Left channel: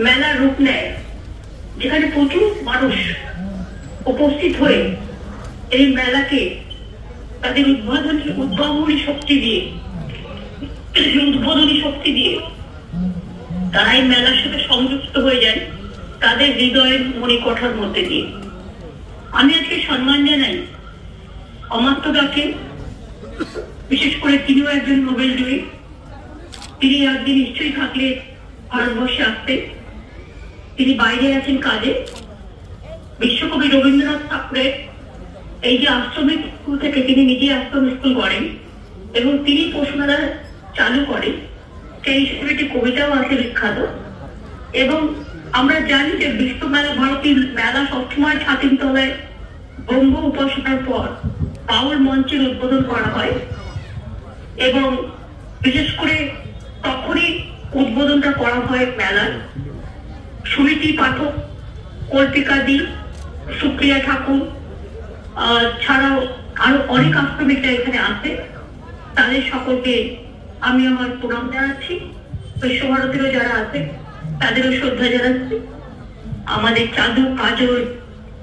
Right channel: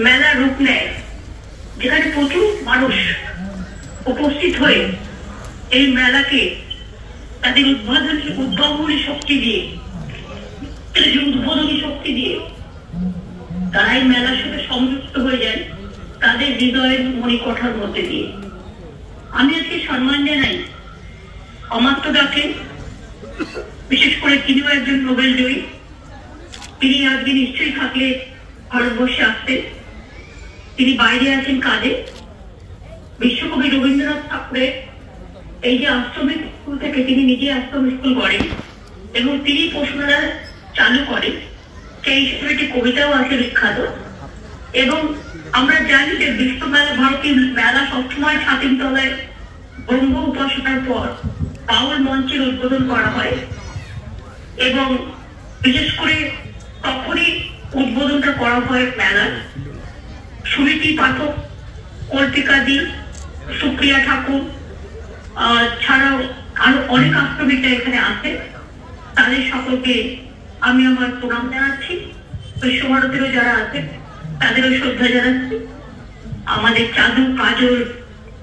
মেলা রূপ নেয়, যেখানে প্রচুর মানুষ উপস্থিত হয়ে এই মেলাকে তাদের উদ্ভাবনী শক্তি দিয়ে তারা এই মেলার সাথে সংযুক্ত হয়ে যায় তাদের হৃদয়ের মণিকোঠার মধ্যে দিয়ে। আমি আজকে সম্মান জানাই অমাত্য দাকে, বিশেষ করে তিনিও একজন নোবেল জয়ী। তিনি আজকে নিশ্চয়ই থাকলে ভারতবর্ষে আসতেন, তিনি বাইরে আছেন কাজে। বিশ্বকবি রবীন্দ্রনাথ ঠাকুরের এই যে আশ্রমিক স্কুল থেকে তিনি নিজে আশ্রম স্কুল করেন এবং তিনি পশুমেলা চালু করেন, সেই হিসেবে একটি কবিতাও আছে বিখ্যাত। এবং আমরা জানি যে বিশ্ব মেলা, ভারতীয় মেলা সবসময় ছাতিম তলায় ব্রহ্ম উপাসনার পর বাউল মঞ্চের উদ্বোধন করা হয় এবং বিশেষ করে তখনই উদ্বোধনটা করা হয় মেলার। সুনীতি পাঠক, কল্পিকা দি, সুপ্রিয়া ঠাকুর ছাড়াও আরো অনেক আশ্রমিকরা এখানে আছে। তাদের সকলকে আমি আমার প্রণাম জানাচ্ছি। বিশ্বভারতীরও যারা আছে তাদেরও শ্রদ্ধা জানাচ্ছি। আমাদের চাদু কাজল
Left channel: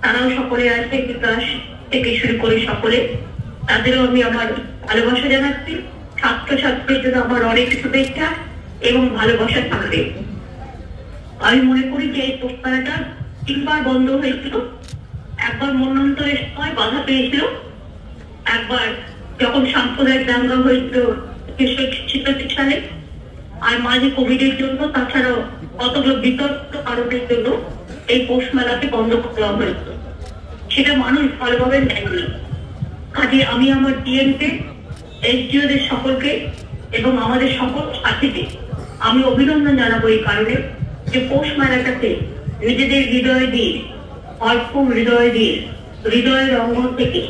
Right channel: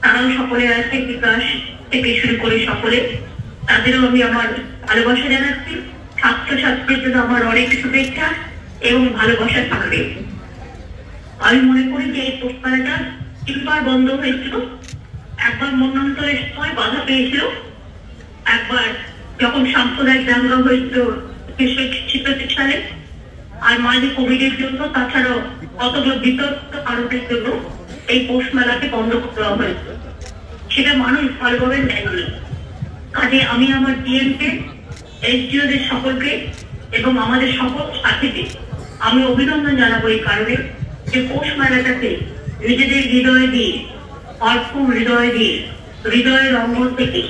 তারাও সকলে আছে, বিকাশ থেকে শুরু করে সকলে, তাদেরও আমি আমার ভালোবাসা জানাচ্ছি। ছাত্রছাত্রীর জন্য আমার অনেক শুভেচ্ছা এবং ভালোবাসা থাকবে। আমি মনে করি যে এই প্রস্তাবটা তিনবার বন্ধ হয়েছিল। একবার মন্বন্তরের সময় বাধা পেয়েছিল, একবার যখন সাম্প্রদায়িক দাঙ্গা হয়েছিল 1986 সালে, আর মাঝে কোভিডের জন্য, তাছাড়াও কতগুলো বিতর্ক কারণের জন্য এই পৌষ মেলাকে বন্ধ করে দেওয়া হয়েছিল। সেটা মানুষ ভালোভাবে নেয়নি। কাজে আমি আমার ডিএমকে, এসডিওদের সকলকে এবং আমাদের সকল সাথীকে আমি অভিনন্দন জানাবো এই কারণে যে পৌষ মেলাটাকে নিজেদের হৃদয় দিয়ে, অল্প হৃদয় দিয়ে, হৃদয়ের অঙ্গ থেকে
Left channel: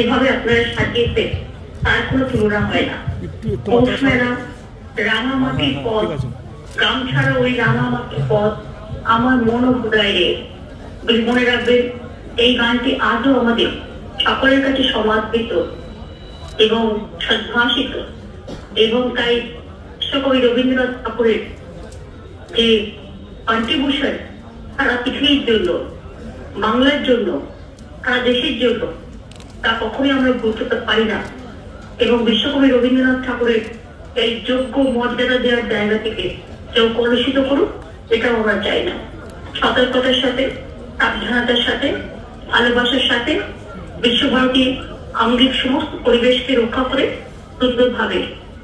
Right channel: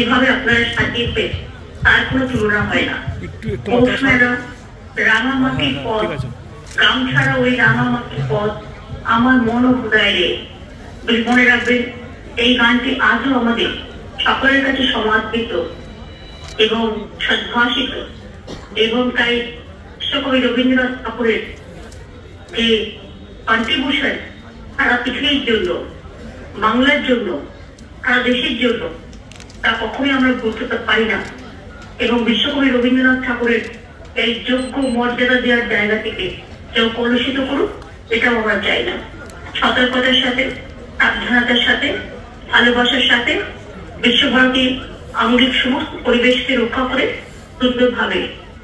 এভাবে আপনারা সাজিয়েছে, তার কোনো তুলনা হয় না। পৌষ মেলা, রাঙামাটির পথ, গ্রাম ছাড়া ওই রাঙামাটির পথ আমার মন ও হৃদয়ে। মনে রাখবেন, এই গানটি আজও আমাদের সকলের কাছে সমাদৃত এবং সদ্ভাষিত। এবং তাই বিশ্বকবি রবীন্দ্রনাথ ঠাকুরের যে কন্ট্রিবিউশন সারা পৃথিবীর জন্য, বাংলার জন্য, সারা দেশের জন্য, তা কখনোই আমরা ভুলতে পারি না। এবং বিশ্বকবি রবীন্দ্রনাথ ঠাকুরের এই যোগ্য মর্যাদা দেওয়ার জায়গা থেকে কেউ কলুষিত করুক, এটাও আমরা চাই না। সতর্কতার সাথে, সাবধানতার সাথে, ভালোবাসার সাথে বিশ্বভারতীর আঙ্গিক সমস্ত পরিবেশকে রক্ষা করে সুন্দরভাবে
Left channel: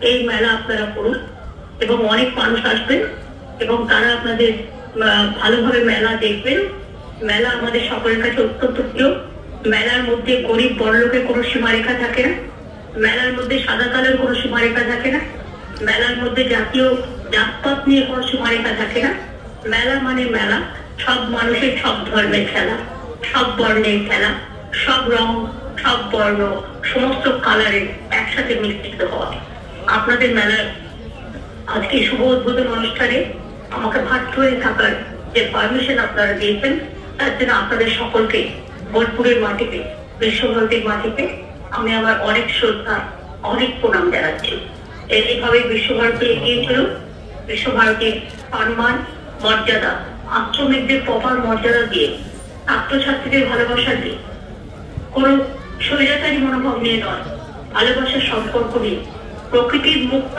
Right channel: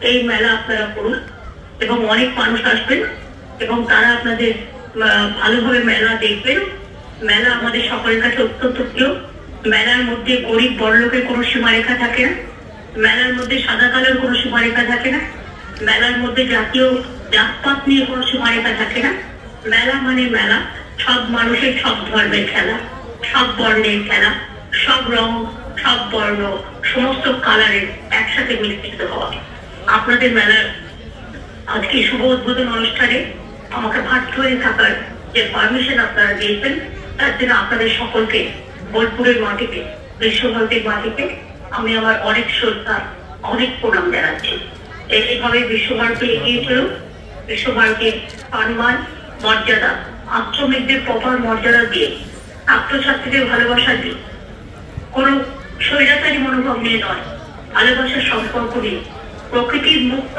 এই মেলা আপনারা করুন এবং অনেক মানুষ আসবেন এবং তারা আপনাদের ভালোভাবে মেলা দেখবেন। মেলা আমাদের সকলের কাছে অত্যন্ত প্রিয়। মেলার মধ্যে গরিব বড়লোকের কোনো সীমারেখা থাকে না, মেলার মধ্যে সাদা কালোর কোনো সীমারেখা থাকে না, মেলার মধ্যে জাতীয় জাতপাত নিয়ে কোনো সীমারেখা থাকে না। মেলা মানে মেলা, সব মানুষের সব ধর্মের খেলা, সব বর্ণের খেলা, সব রং, সব বর্ণ, সমস্ত কালারের একসাথে মিশ্রিত হওয়া। আপনাদের মেলার আজকে শুভ উদ্বোধন অনুষ্ঠানে আমাকে ভাট হয়ে থাকার যে পারমিশন আপনারা দিয়েছেন, তার জন্য আপনাদের সকলকে বোলপুরের মাটিতে, বিশ্বভারতীর মাটিতে আমি আমার অনেক শ্রদ্ধা, অনেক প্রণাম জানাচ্ছি। এইভাবে বিশ্বভারতী এগিয়ে চলুক। বিশ্বভারতীর সম্মান, মর্যাদা, আশ্রমিকদের প্রপার মর্যাদা দিয়ে, ছাত্রছাত্রীদের ভালোবাসা দিয়ে, কোন স্বৈরাচারী মনোভাব নিয়ে নয়, ভালোবাসার সম্পর্ক নিয়ে, প্রকৃতির মুক্ত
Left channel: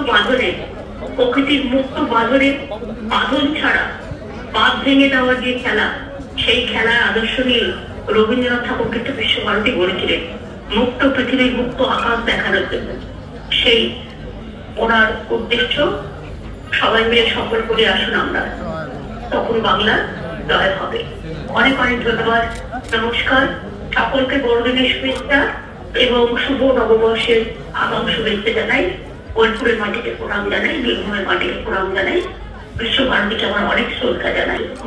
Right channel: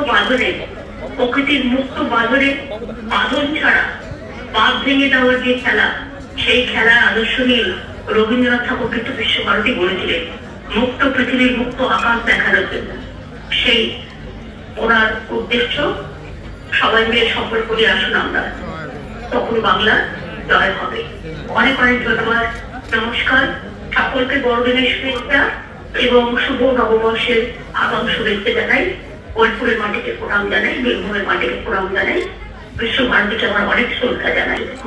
বাঁধনে, বাঁধন ছাড়া বাঁধ ভেঙে দেওয়ার যে খেলা, সেই খেলার আদর্শ নিয়ে রবীন্দ্রনাথ ঠাকুর কিন্তু বিশ্বভারতী গড়েছিলেন মুক্ত পৃথিবীর, মুক্ত আকাশ দেখানোর জন্য। সেই ওনার উদ্দেশ্য সবাই মিলে সফল করে আসুন আমরা, তখন বাংলার জয় হবে। অনেক অনেক ধন্যবাদ, নমস্কার। সকলকে বড়দিনের শুভেচ্ছা এবং শুভ নববর্ষের আগাম শুভেচ্ছা জানাই। বোলপুরের মাটিকে প্রণাম জানাই, বীরভূমের মাটিকে প্রণাম জানাই, বিশ্বভারতীকে আমার অনেক শ্রদ্ধা জানাই।